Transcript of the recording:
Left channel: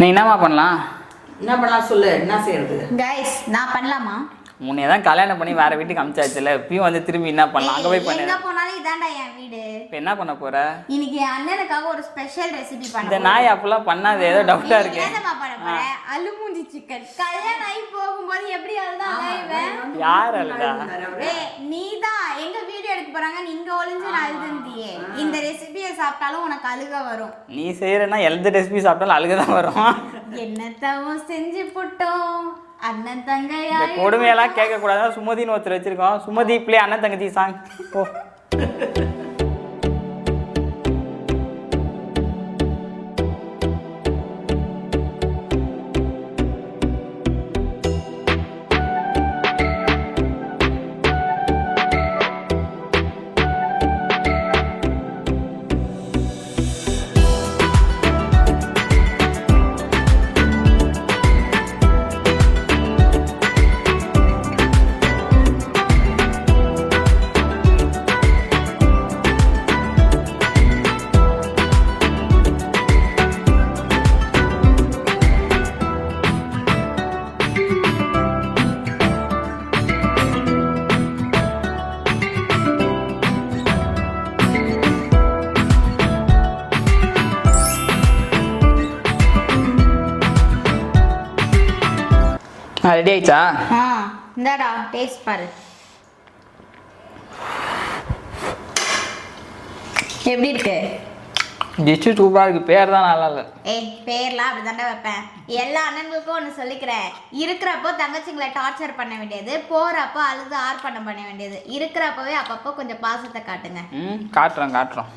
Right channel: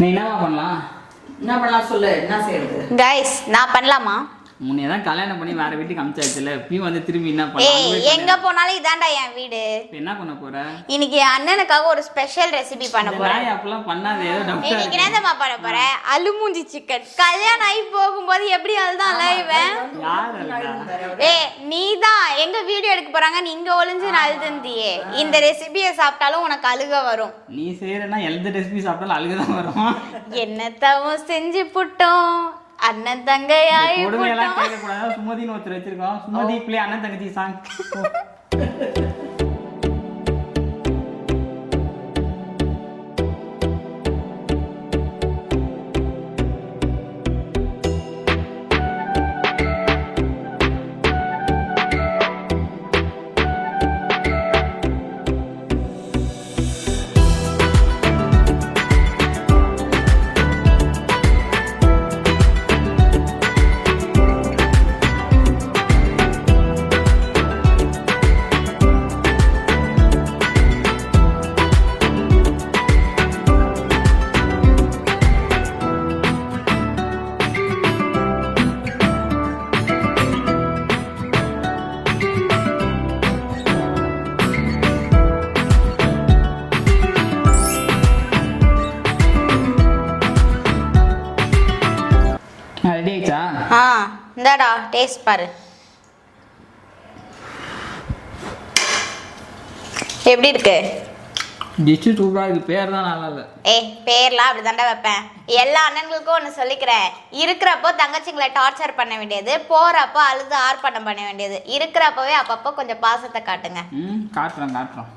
நீ என்னமா பண்ணலாம்? என்ன பண்ணலாம் சொல்லு, என்ன செய்யறது? கைஸ் நான் பண்ணலாமா? முன்னே தான் கல்யாணம் பண்ணி வேற வீட்டுக்கு அனுப்பிச்சாச்சுல, இப்பயும் வந்து திரும்பி என்ன பண்ணலாம்? எங்க போனாலும் இதான்டா என் வீடு. இப்போ என்ன பண்ண போற? இன்னைக்கு என் அண்ணனுக்காக ஒரு ஸ்பெஷல் ரெசிபி பண்ண இந்த போறேன். நாய் அப்பெல்லாம் பண்ணாத, ஏதோ டவுட்டா இன்னைக்கு இருக்கு. என்னமா பண்ண போறேன்? அலுமூஞ்சி சிக்கன். கல்யாணம் ஆகி போகும்போது எப்படி அழுதான் இவன்? யார் அழுதா? நீதான் எங்க வீடியோ எடுக்க போறாங்க, நீ இங்க ஒளிஞ்சு அழுதுந்தியே. இந்த ரெசிபியை சாப்பிட்டாலும் உனக்கு அழுக வரும். நீ செய்யறனா எந்த ரெசிபி சாப்பிட்டாலும் அழுகதான் வரும். என்னத்தவும் செஞ்சு புட்டோம் அண்ணன் தங்கையாய். கொடுமையெல்லாம் கேட்க கூடாது. சுமதின்னு ஒருத்தர் வச்சிருக்கோம். சுமதி பிள்ளை அண்ணன் தங்கச்சி சாங். ரெடி ஆயிடுச்சா? இந்தாடா டேஸ்ட் பாரு. எப்படி இருக்கு? டிஷ்ஷு சூப்பராக இருக்குது. பேர் தான் நல்லா இல்லை. பேர்லாம் அப்படி தாண்டா வைப்பேன். எல்லா அண்ணன்களுக்கும் ஒன்று சொல்லிக்கிறேன். இருக்கிறப்போ தங்கச்சிங்களை டார்ச்சர் பண்ண வேண்டியது, போகிறப்போ அழுது ஆர்ப்பாட்டம் பண்ண வேண்டியது. இருக்கிறப்பவே அப்பப்போ கொஞ்சம் பாசத்தை காட்டுங்க. காட்டுறோம்.